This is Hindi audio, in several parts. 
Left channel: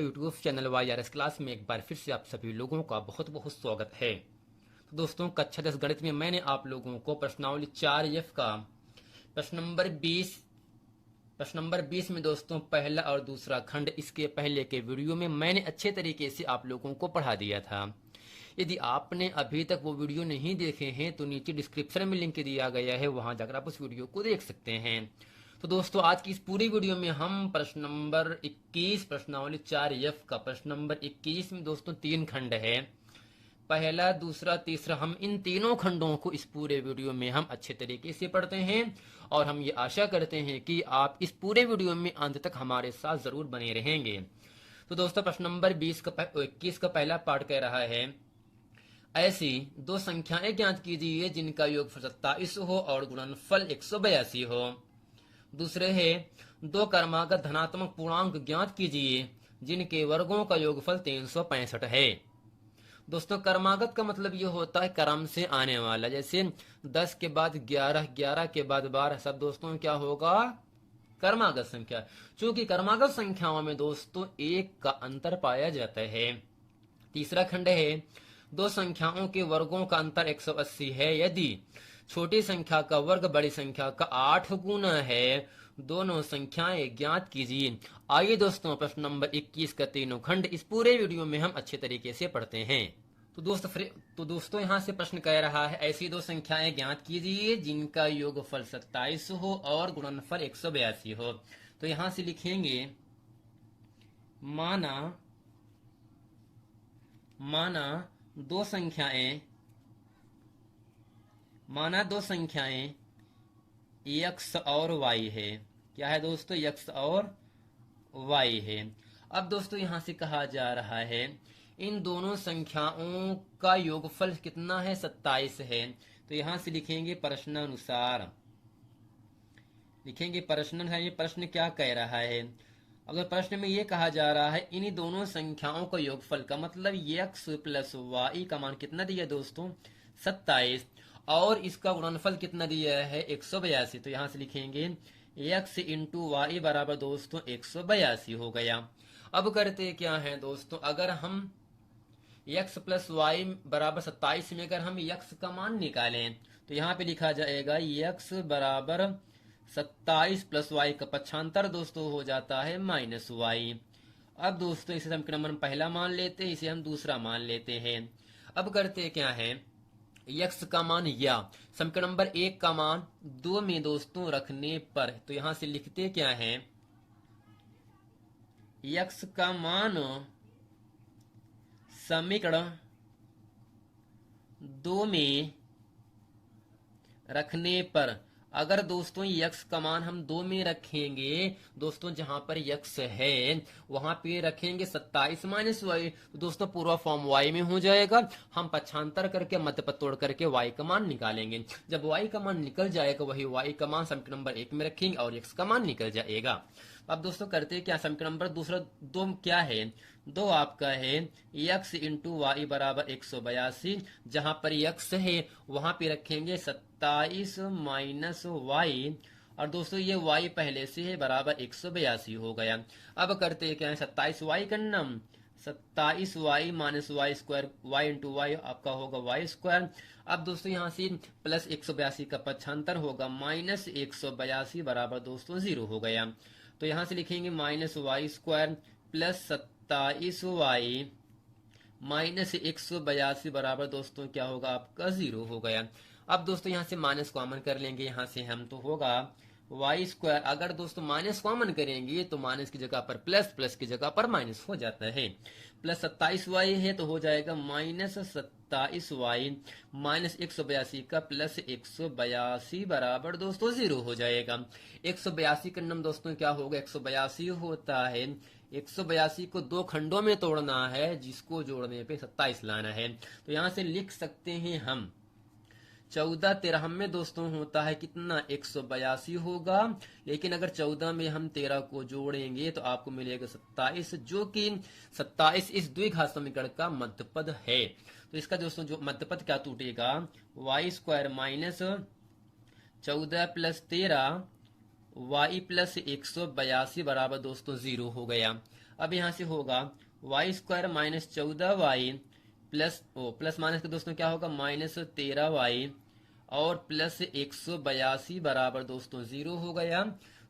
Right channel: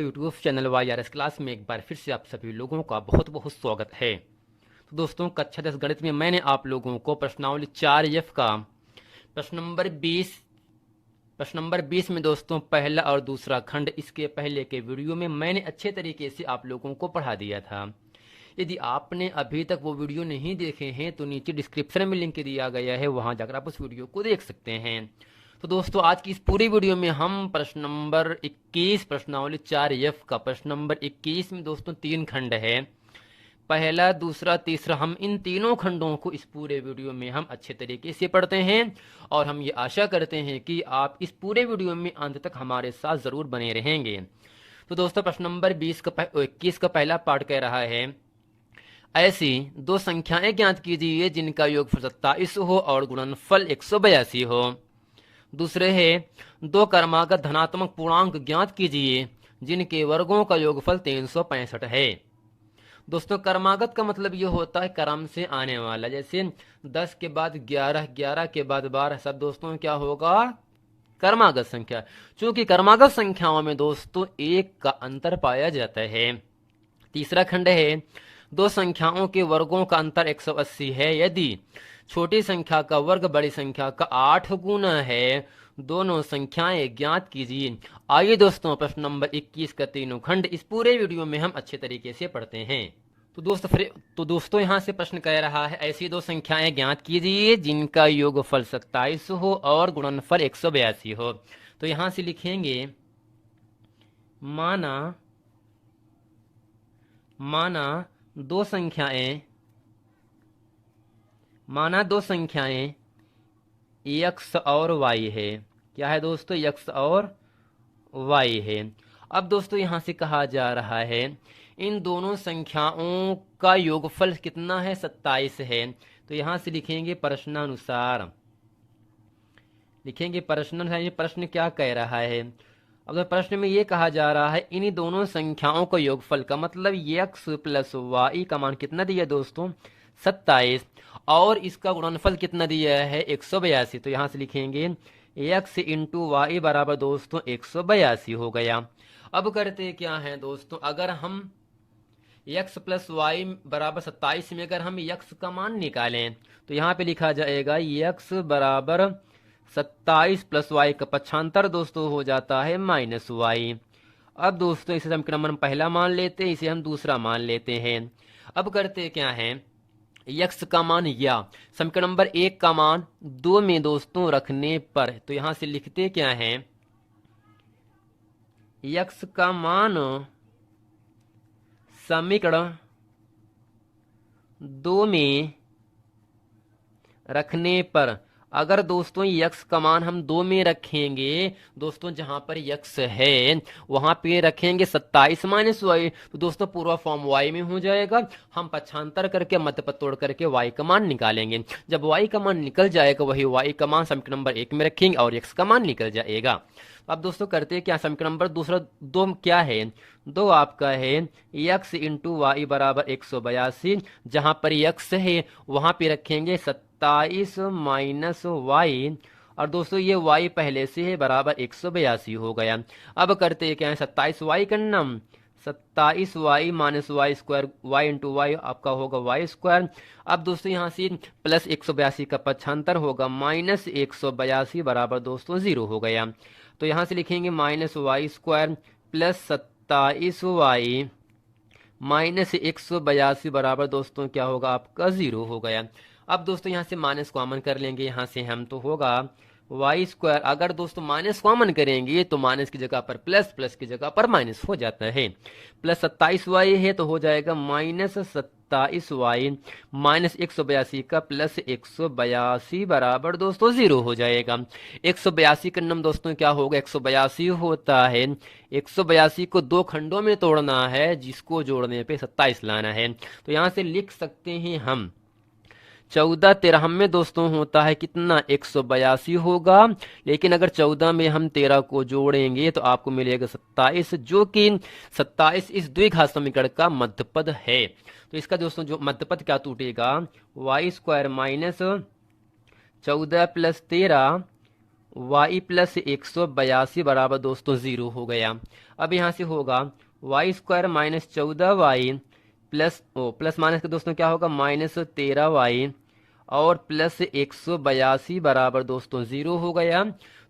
To YouTube channel YRS class में एक बार फिर से आप सभी लोगों का बहुत बहुत स्वागत है। तो दोस्तों, कक्षा 10 गणित में मैंने आप लोगों को प्रश्नावली 4F का प्रश्न नंबर 20 में दोस्तों पहला और दूसरा खंड, इसके पहले के वीडियो में मैंने अच्छे तरीके से आप लोगों को पढ़ा दिया था। यदि आपने अभी तक वो वीडियो नहीं देखे हैं तो नीचे डिस्क्रिप्शन में लिंक दिया गया है, वहां जाकर आप उस वीडियो को देख सकते हैं। तो दोस्तों, आज की इस पूरी वीडियो में हम प्रश्न नंबर 21 प्रश्नावली 4F का प्रश्न नंबर 21 में दोस्तों 3 खंड है, पहला, दूसरा, तीसरा। हम इन तीनों खंडों को इस पूरे वीडियो में हम अच्छे तरीके से पढ़ते हैं और हम ये आशा करते हैं कि आप इस पूरे वीडियो में अंत तक हमारे साथ जरूर बने रहेंगे। तो दोस्तों, प्रश्न नंबर 21 का पहला पार्ट कह रहा है, ऐसी दो संख्याएं ज्ञात कीजिए जिनका योगफल 27 हो और गुणनफल 182 हो। दूसरे है, दो क्रमागत धनात्मक पूर्णांक ज्ञात कीजिए जिनके वर्गों का योगफल 365 है। दोस्तों, क्रमागत का मतलब ये होता है क्रम से आने वाला, जैसे 10 के बाद 11, 11 के बाद 12, सब दोस्तों क्या होगा, क्रमागत संख्या। चूंकि क्रमागत संख्याओं में दोस्तों एक का अंतर पाया जाता है। तीसरा खंड है, दो संख्याओं के वर्गों का अंतर 180 है यदि छोटी संख्या का वर्ग बड़ी संख्या का 8 गुना है। दोनों संख्याएं ज्ञात कीजिए। आइए दोस्तों, प्रश्न नंबर 21 का तीनों खंड इस पूरे वीडियो में हम अच्छे तरीके से पढ़ते हैं। तो दोस्तों यहाँ से प्रश्न कह रहा है, ऐसी दो संख्याएं ज्ञात कीजिए जिनका योगफल 27 हो और गुणनफल 182 हो। तो यहाँ से लिखेंगे, माना दो संख्याएं x और y है। क्या है दोस्तों, x और y है। अब दोस्तों यहाँ से कहा जा रहा है इन दोनों संख्याओं का योगफल कितना है, 27 है। तो यहाँ से लिखेंगे प्रश्नानुसार, ये प्रश्न क्या कह रहा है। अगर प्रश्न में ये कहा जा रहा है इन्हीं दोनों संख्याओं का योगफल का मतलब x प्लस y का मान कितना दिया दोस्तों, 27, और इसका गुणनफल कितना दिया है, 182। तो यहाँ से लिखेंगे x इंटू वाई बराबर दोस्तों 182 हो गया। अब करते क्या है दोस्तों, अगर हम x प्लस वाई बराबर 27 में अगर हम x का मान निकालें तो यहाँ पे लिखा जाएगा x बराबर 27 प्लस वाई का पक्षांतर दोस्तों हो जाता है माइनस वाई। अब दोस्तों इसे समीकरण नंबर पहला मान लेते हैं, इसे हम दूसरा मान लेते हैं। अब करते क्या है, x का मान या समीकरण नंबर 1 का मान 2 में दोस्तों रखने पर, तो यहां से लिखते क्या है, x का मान समीकरण 2 में रखने पर, अगर दोस्तों x का मान हम 2 में रखेंगे दोस्तों, जहां पर x है वहां पे रखेंगे 27 माइनस वाई, तो दोस्तों पूरा फॉर्म y में हो जाएगा। हम पक्षांतर करके मध्य पद तोड़ करके y का मान निकालेंगे। जब y का मान निकल जाएगा वही y का मान समीकरण नंबर 1 में रखेंगे और x का मान निकल जाएगा। अब दोस्तों करते हैं क्या, समीकरण नंबर दूसरा 2 क्या है, 2 आपका है x इंटू वाई बराबर 182, जहां पर x है वहां पे रखेंगे 27 माइनस वाई, और दोस्तों ये y पहले से है बराबर 182 हो गया। अब करते हैं क्या है, 27 वाई करना, 27 Y minus Y square, Y into Y आपका होगा वाई स्क्वायर। अब दोस्तों यहाँ से प्लस 182 का पक्षांतर होगा माइनस 182 बराबर दोस्तों 0 हो गया। तो यहाँ से लिखेंगे minus Y square plus 27 Y minus 182 बराबर दोस्तों क्या होगा आपका 0 हो गया। अब दोस्तों यहाँ से माइनस कॉमन कर लेंगे, यहाँ से हम तो होगा वाई स्क्वायर। अगर दोस्तों माइनस कॉमन करेंगे तो माइनस की जगह पर प्लस, प्लस की जगह पर माइनस हो जाता है। प्लस 27 वाई है तो हो जाएगा माइनस 27 वाई माइनस 182 का प्लस 182 बराबर दोस्तों 0 हो जाएगा। 182 का नम दोस्तों क्या होगा, 182 होता है, 182 को 2 खंडों में तोड़ना है जिसको जोड़ने पे 27 लाना है। तो यहाँ से लिख सकते हैं हम 14 13 में दोस्तों होता है कितना, 182 होगा, लेकिन अगर 14 में हम 13 को जोड़ेंगे तो आपको मिलेगा 27, जो कि 27 इस द्विघात समीकरण का मध्यपद है। तो इसका दोस्तों जो मध्यपद क्या टूटेगा, Y square minus 14 plus 13 Y plus 182 बराबर दोस्तों 0 हो गया। अब यहाँ से होगा Y square minus 14y plus minus के दोस्तों क्या होगा माइनस 13y और प्लस 182 बराबर दोस्तों 0 हो गया।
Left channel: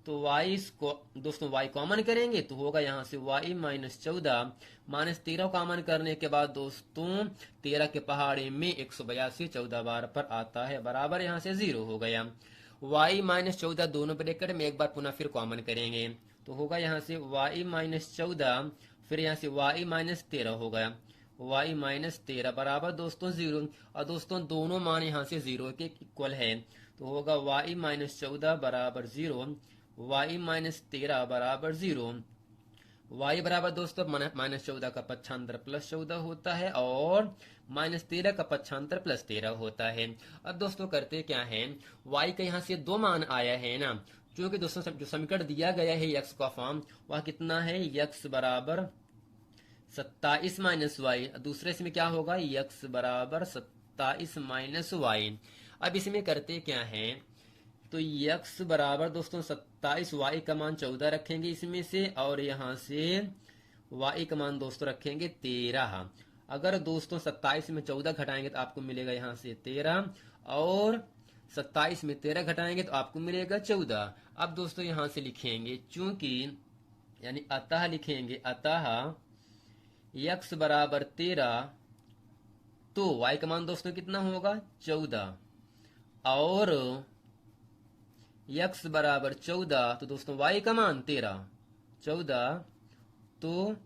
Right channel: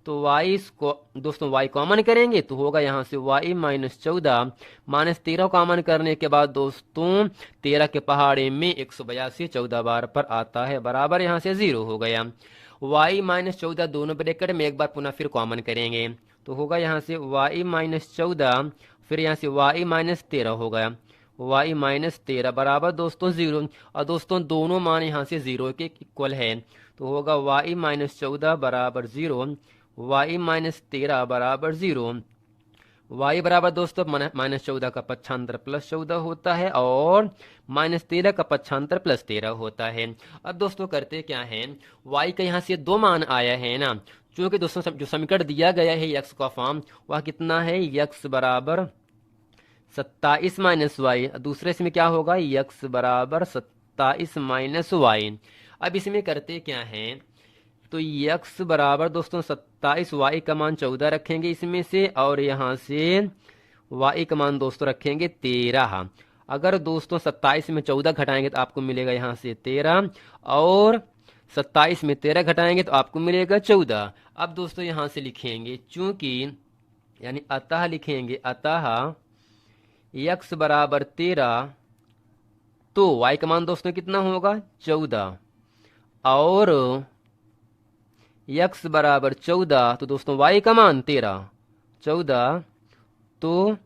तो y को दोस्तों y कॉमन करेंगे तो होगा यहाँ से y माइनस 14 माइनस 13 कॉमन करने के बाद दोस्तों 13 के पहाड़े में 182 14 बार पर आता है बराबर यहाँ से 0 हो गया। y माइनस 14 दोनों ब्रैकेट में एक बार पुनः फिर कॉमन करेंगे तो होगा यहाँ से y माइनस 14 फिर यहाँ से y माइनस 13 हो गया y माइनस 13 बराबर दोस्तों 0। और दोस्तों दोनों मान यहाँ से 0 के इक्वल है तो होगा y माइनस 14 बराबर 0 y माइनस 13 बराबर 0। y बराबर दोस्तों माइनस 14 का पक्षांतर प्लस 14 होता है और माइनस 13 का पक्षांतर प्लस 13 होता है। अब दोस्तों करते क्या है y का यहाँ से दो मान आया है ना, क्योंकि दोस्तों जो समीकरण दिया गया है x का फॉर्म वह कितना है x बराबर 27 माइनस वाई, दूसरे इसमें क्या होगा x बराबर 27 माइनस वाई। अब इसमें करते क्या है तो x बराबर दोस्तों 27 y का मान 14 रखेंगे इसमें से और यहाँ से y का मान दोस्तों रखेंगे 13। अगर दोस्तों 27 में 14 घटाएंगे तो आपको मिलेगा यहाँ से 13 और 27 में 13 घटाएंगे तो आपको मिलेगा 14। अब दोस्तों यहाँ से लिखेंगे चूंकि यानी अतः लिखेंगे अतः x बराबर 13 तो y का मान दोस्तों कितना होगा 14 और x बराबर 14 तो दोस्तों y का मान 14 तो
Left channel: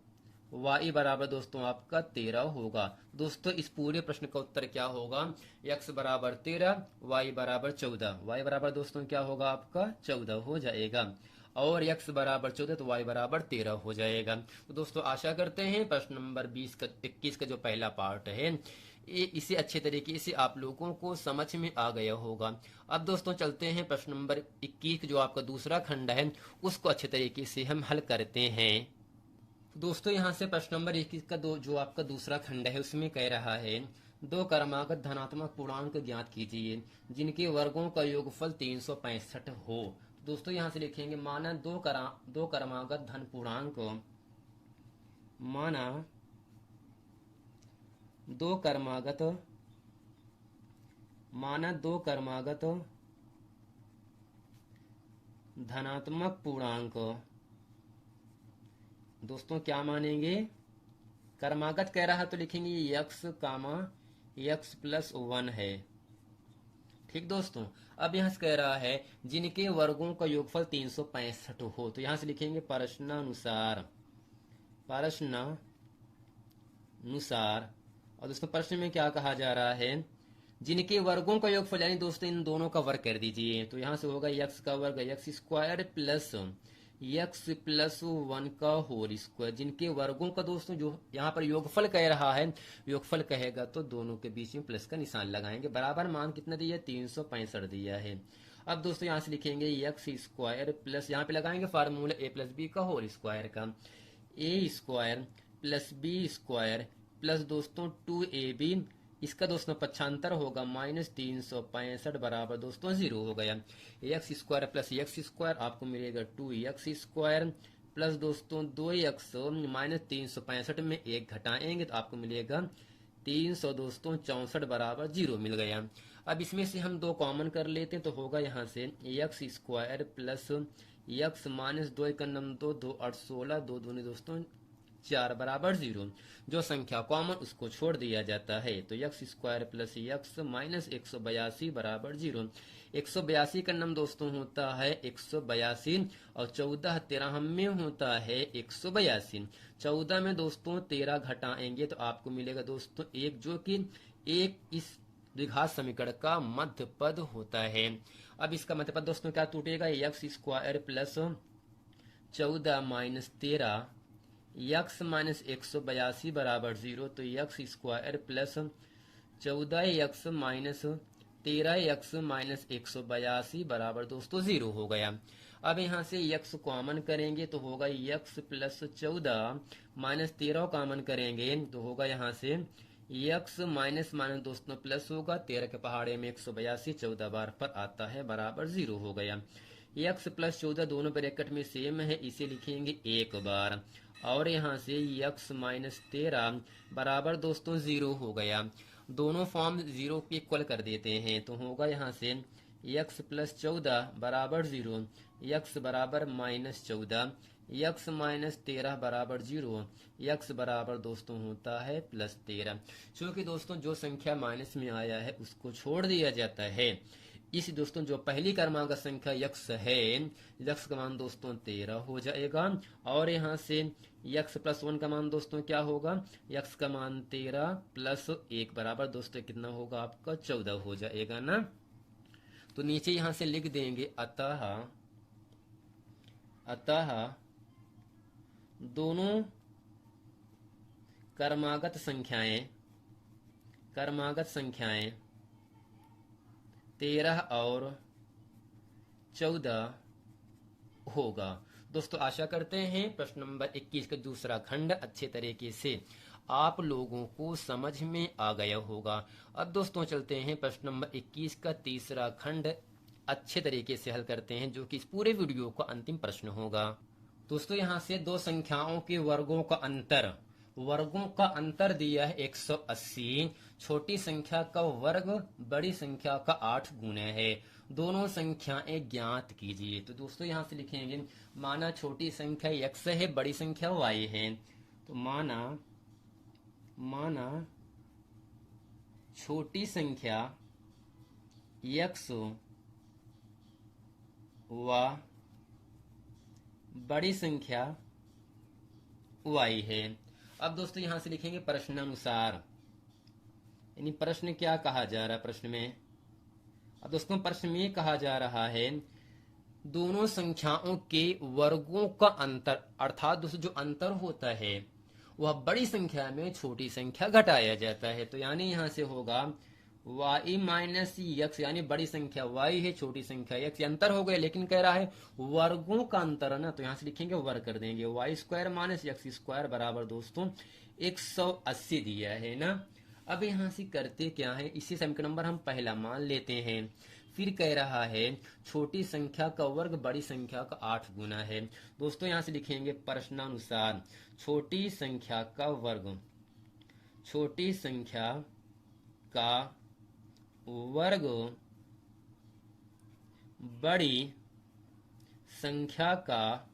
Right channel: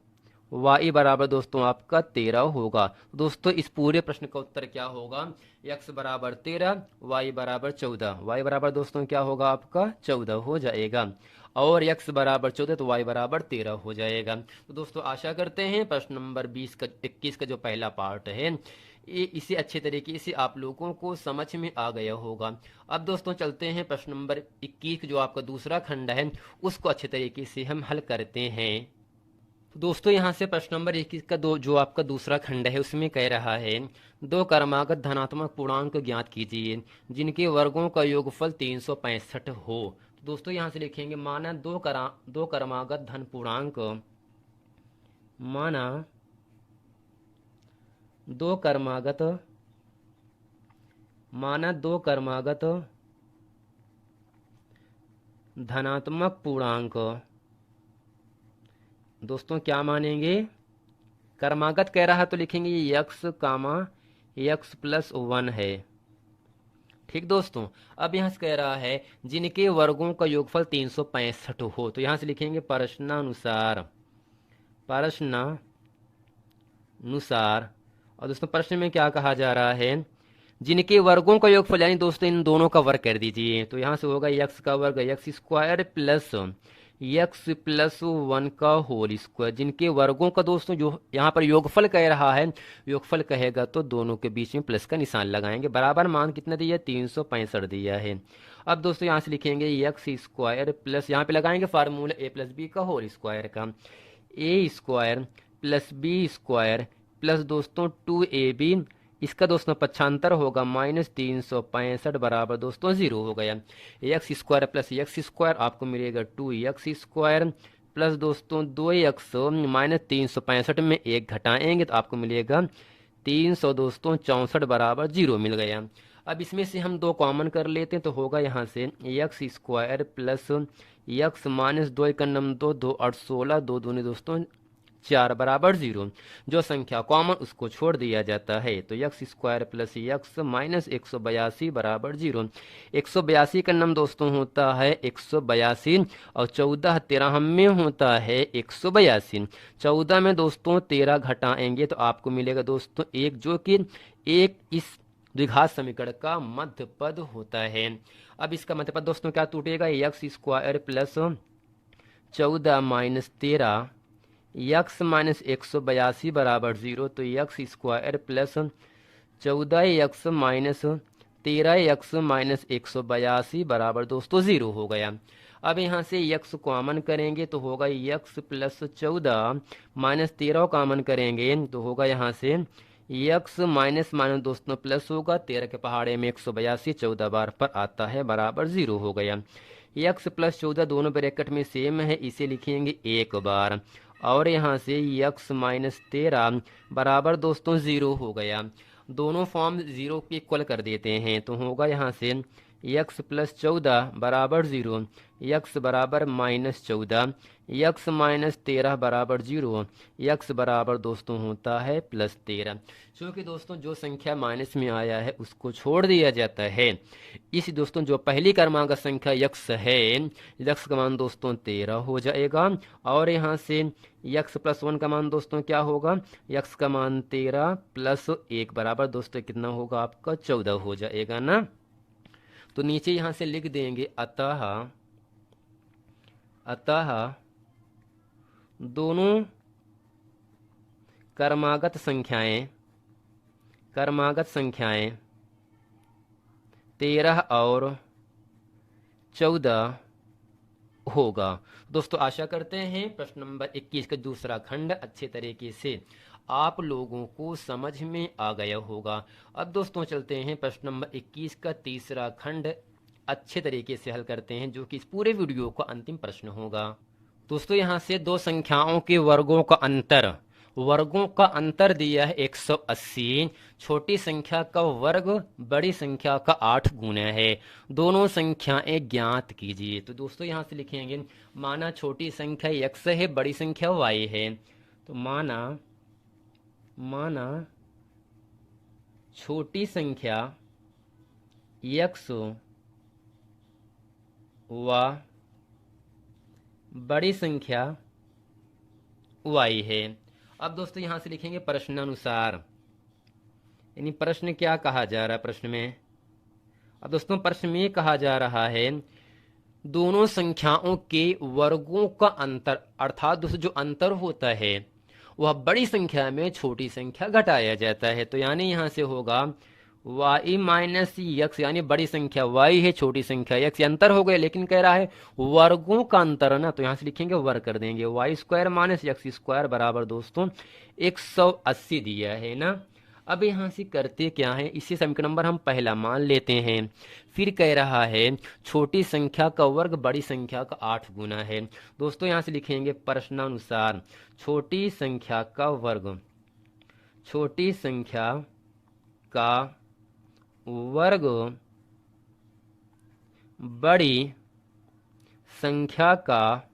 y बराबर दोस्तों आपका 13 होगा। दोस्तों इस पूरे प्रश्न का उत्तर क्या होगा x बराबर 13 y बराबर 14, y बराबर दोस्तों क्या होगा आपका 14 हो जाएगा और x बराबर 14 तो y बराबर 13 हो जाएगा। तो दोस्तों आशा करते हैं प्रश्न नंबर 21 का जो पहला पार्ट है इसे अच्छे तरीके से आप लोगों को समझ में आ गया होगा। अब दोस्तों चलते हैं प्रश्न नंबर 21 जो आपका दूसरा खंड है उसको अच्छे तरीके से हम हल करते हैं। दोस्तों यहाँ से प्रश्न नंबर 21 का जो आपका दूसरा खंड है उसमें कह रहा है दो क्रमागत धनात्मक पूर्णांक ज्ञात कीजिए जिनके वर्गों का योगफल 365 हो। तो दोस्तों यहाँ से लिखेंगे माना दो क्रमागत धन पूर्णांक माना दो क्रमागत धनात्मक पूर्णांक दोस्तों क्या मानेंगे क्रमागत कह रहा है तो लिखेंगे x प्लस 1 है। ठीक दोस्तों, अब यहाँ से कह रहा है जिनके वर्गों का योगफल 365 हो तो यहाँ से लिखेंगे प्रश्नानुसार और दोस्तों प्रश्न में क्या कहा जा रहा है जिनके वर्गों का योगफल यानी दोस्तों इन दोनों का वर्ग कर दीजिए तो यहाँ से होगा x का वर्ग x square plus x plus 1 का होल स्क्वायर। जिनके वर्गों का दोस्तों जो यहाँ पर योगफल कह रहा है योगफल कहेगा तो दोनों के बीच में प्लस का निशान लगाएंगे। बराबर मान कितना दिया 365 दिया है। अब दोस्तों यहाँ से लिखेंगे x स्क्वायर प्लस यहाँ पे लगाएंगे फार्मूला a प्लस बी का होल स्क्वायर का a square plus B square plus दोस्तों 2ab इसका दोस्तों पक्षांतर होगा माइनस 365 बराबर दोस्तों 0 हो गया। X square plus x square आपको मिलेगा 2x स्क्वायर प्लस दोस्तों 2x माइनस 365 में 1 घटाएंगे तो आपको मिलेगा 300 दोस्तों 64 बराबर 0 मिल गया। अब इसमें से हम दो कॉमन कर लेते हैं तो होगा यहाँ से x square plus x minus 2 का नम 2 8 16 2 दूनी दोस्तों 4 बराबर 0। जो संख्या कॉमन उसको छोड़ दिया जाता है तो x square plus x minus 182 बराबर 0। 182 का नाम दोस्तों होता है 182 और 14 13 में होता है 182। 14 में दोस्तों 13 घटाएंगे तो आपको मिलेगा दोस्तों 1 जो कि एक इस द्विघात समीकरण का मध्य पद होता है। अब इसका मध्य पद दोस्तों क्या टूटेगा x square plus 14 minus 13 x minus 182 बराबर 0 तो x square plus 14x minus 13x minus 182 बराबर दोस्तों 0 हो गया। अब यहाँ से x कॉमन करेंगे तो होगा x प्लस 14 माइनस 13 कॉमन करेंगे तो होगा यहाँ से x माइनस माइनस दोस्तों प्लस होगा 13 के पहाड़े में 182 14 बार पर आता है बराबर 0 हो गया। x प्लस 14 दोनों ब्रैकेट में सेम है इसे लिखेंगे एक बार और यहाँ से यक्स माइनस 13 बराबर दोस्तों 0 हो गया। दोनों फॉर्म 0 के इक्वल कर देते हैं तो होगा यहाँ से यक्स प्लस 14 बराबर 0, यक्स बराबर माइनस 14, यक्स माइनस 13 बराबर 0, यक्स बराबर दोस्तों होता है प्लस 13। क्योंकि दोस्तों जो संख्या माइनस में आया है उसको छोड़ दिया जाता है। इस दोस्तों जो पहली क्रमांक संख्या यक्स है, यक्स का मान दोस्तों 13 हो जाएगा। और यहाँ से यक्स प्लस 1 का मान दोस्तों क्या होगा, यक्स का मान 13 प्लस 1 बराबर दोस्तों कितना होगा आपका 14 हो जाएगा ना। तो नीचे यहाँ से लिख देंगे अतः दोनों क्रमागत संख्याएं 13 और 14 होगा। दोस्तों आशा करते हैं प्रश्न नंबर 21 का दूसरा खंड अच्छे तरीके से आप लोगों को समझ में आ गया होगा। अब दोस्तों चलते हैं प्रश्न नंबर 21 का तीसरा खंड अच्छे तरीके से हल करते हैं, जो कि इस पूरे वीडियो का अंतिम प्रश्न होगा। दोस्तों यहाँ से दो संख्याओं के वर्गों का अंतर दिया है 180। छोटी संख्या का वर्ग बड़ी संख्या का 8 गुना है। दोनों संख्याएं ज्ञात कीजिए। तो दोस्तों यहाँ से लिखेंगे, माना छोटी संख्या x है, बड़ी संख्या y है। तो माना छोटी संख्या x व बड़ी संख्या y है। अब दोस्तों यहां से लिखेंगे प्रश्नानुसार, यानी प्रश्न क्या कहा जा रहा है प्रश्न में। अब दोस्तों प्रश्न में कहा जा रहा है दोनों संख्याओं के वर्गों का अंतर, अर्थात दोस्तों जो अंतर होता है वह बड़ी संख्या में छोटी संख्या घटाया जाता है। तो यानी यहां से होगा y माइनस यक्स, यानी बड़ी संख्या y है, छोटी संख्या x, अंतर हो गया। लेकिन कह रहा है वर्गों का अंतर ना, तो यहां से लिखेंगे वर्ग कर देंगे, Y square minus X square बराबर दोस्तों 180 दिया है ना। अब यहां से करते क्या है, इसी समीकरण नंबर हम पहला मान लेते हैं। फिर कह रहा है छोटी संख्या का वर्ग बड़ी संख्या का 8 गुना है। दोस्तों यहां से लिखेंगे प्रश्नानुसार छोटी संख्या का वर्ग, छोटी संख्या का वर्ग बड़ी संख्या का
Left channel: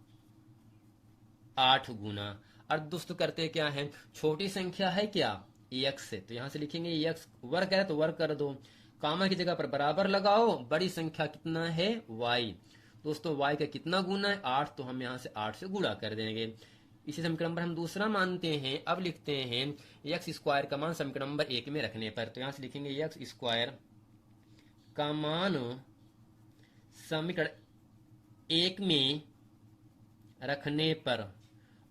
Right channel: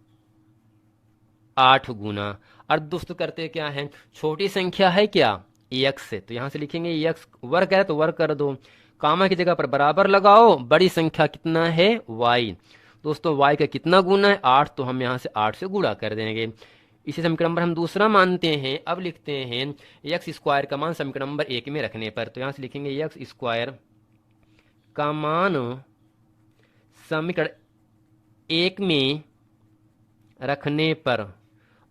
8 गुना। और दोस्तों करते क्या है, छोटी संख्या है क्या x है, तो यहां से लिखेंगे x, वर्ग है तो वर्ग कर दो, कामा की जगह पर बराबर लगाओ, बड़ी संख्या कितना है y। दोस्तों y का कितना गुना है 8, तो हम यहां से 8 से गुणा कर देंगे। इसी समीकरण नंबर हम दूसरा मानते हैं। अब लिखते हैं एक्स स्क्वायर का मान समीकरण नंबर 1 में रखने पर, तो यहां से लिखेंगे एक्स स्क्वायर का मान समीकरण 1 में रखने पर।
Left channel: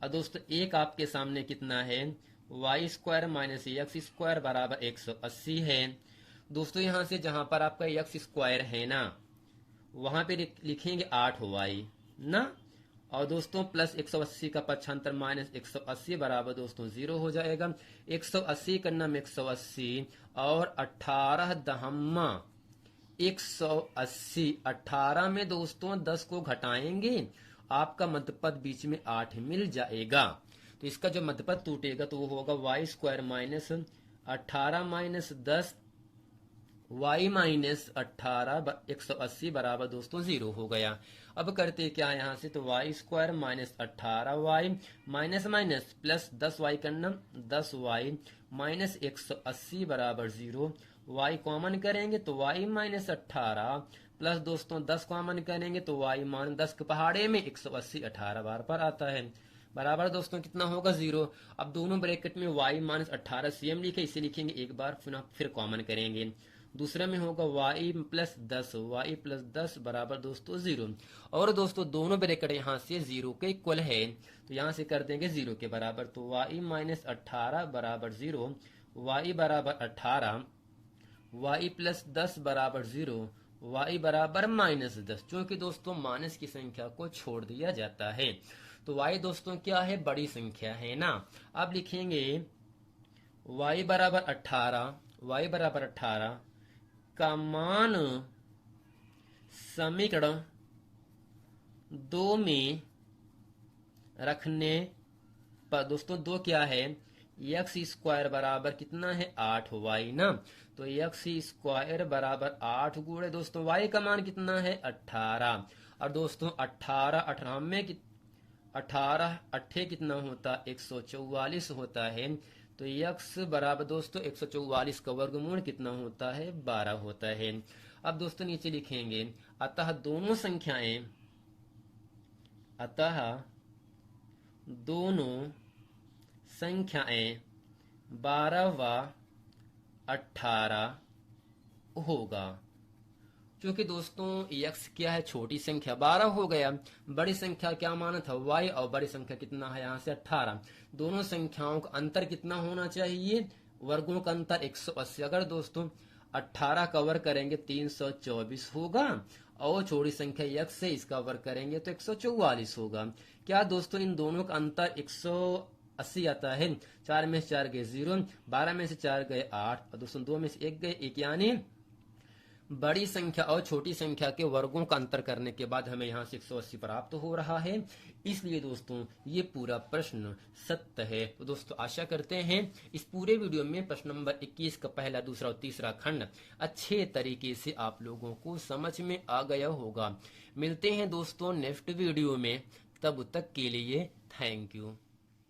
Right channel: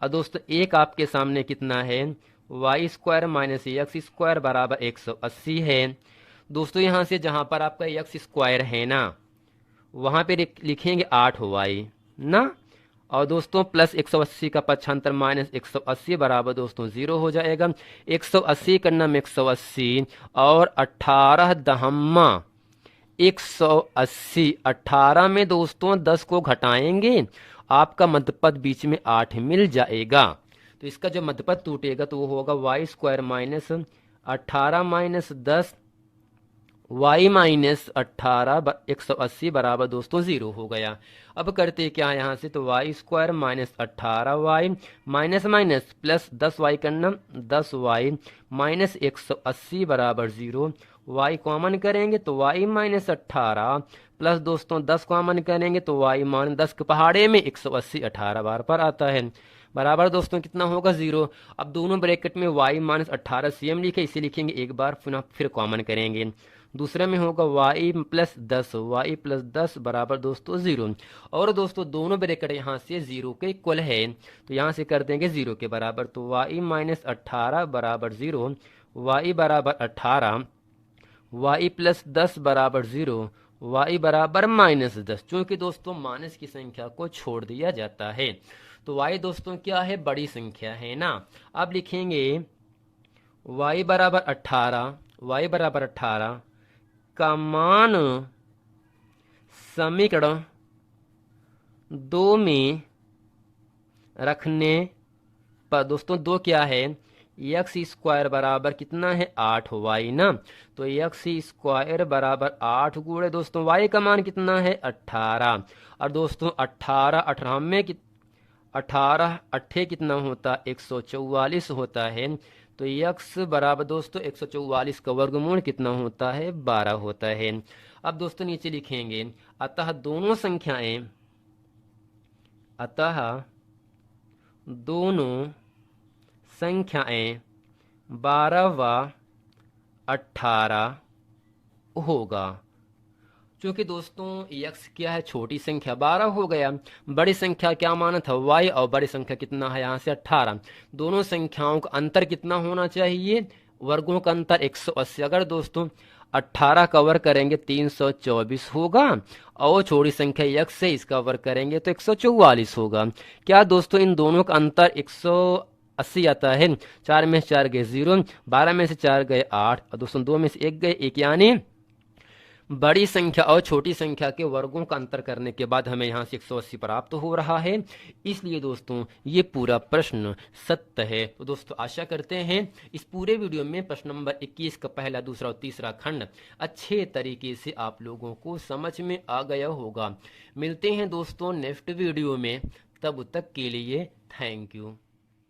और दोस्तों एक आपके सामने कितना है, Y square minus X square बराबर 180 है। दोस्तों यहां से जहां पर आपका एक्स स्क्वायर है ना, वहां पे लिखेंगे 8 वाई ना, और दोस्तों प्लस 180 का पक्षांतर माइनस 180 बराबर दोस्तों 0 हो जाएगा। 180 करना में 180 और 18 दहम्मा 180, 18 में दोस्तों 10 को घटाएंगे, आपका मध्यपद बीच में 8 मिल जाएगा। तो इसका जो मध्यपद टूटेगा तो वो होगा Y square minus 18 minus 10 y minus 18 180 बराबर दोस्तों 0 हो गया। अब करते क्या है यहाँ से, तो Y square minus 18y minus minus plus 10y करना 10y माइनस 180 बराबर 0, y कॉमन करेंगे तो y माइनस 18 प्लस दोस्तों 10 कॉमन करेंगे तो y मान 10 के पहाड़े में 180 18 बार पर आता है, बराबर दोस्तों कितना होगा 0। अब दोनों ब्रैकेट में y माइनस 18 सेम लिखे, इसे लिखेंगे एक बार फिर कॉमन करेंगे। दूसरे में होगा y प्लस 10 बराबर दोस्तों 0। और दोस्तों दोनों ब्रैकेट यहाँ से 0 के इक्वल है, तो यहाँ से कर देंगे 0 के बराबर, तो y माइनस 18 बराबर 0, y बराबर 18, y प्लस 10 बराबर 0, y बराबर माइनस 10। चूंकि दोस्तों माइनस की संख्या को छोड़ दिया जाता है, तो y दोस्तों क्या है, बड़ी संख्या है ना। अब लिखेंगे y बराबर 18 का मान समीकरण 2 में रखने पर दोस्तों 2 क्या है, एक्स स्क्वायर बराबर कितना है 8y ना। तो एक्स स्क्वायर बराबर 8 गुणे दोस्तों y का मान कितना है 18। और दोस्तों 18 18 में 18 अट्ठे कितना होता 144 होता है। तो x बराबर दोस्तों 144 का वर्गमूल कितना होता है 12 होता है। अब दोस्तों नीचे लिखेंगे अतः दोनों संख्याएं, अतः दोनों संख्याएं 12 व 18 होगा। क्योंकि दोस्तों x क्या है छोटी संख्या 12 हो गया, बड़ी संख्या क्या माना था y, और बड़ी संख्या कितना है यहाँ से 18। दोनों संख्याओं का अंतर कितना होना चाहिए, वर्गों का अंतर 180। अगर दोस्तों 18 का वर्ग करेंगे 324 होगा, और छोटी संख्या x से इसका वर्ग करेंगे तो 144 होगा। क्या दोस्तों इन दोनों का अंतर 180 आता है। 4 में से 4 गए 0, 12 में से 4 गए 8, और दोस्तों 2 में से 1 गए 1, यानी बड़ी संख्या और छोटी संख्या के वर्गों का अंतर करने के बाद हमें यहाँ से 180 प्राप्त हो रहा है। इसलिए दोस्तों ये पूरा प्रश्न सत्य है। तो दोस्तों आशा करते हैं इस पूरे वीडियो में प्रश्न नंबर 21 का पहला, दूसरा और तीसरा खंड अच्छे तरीके से आप लोगों को समझ में आ गया होगा। मिलते हैं दोस्तों नेक्स्ट वीडियो में, तब तक के लिए थैंक यू।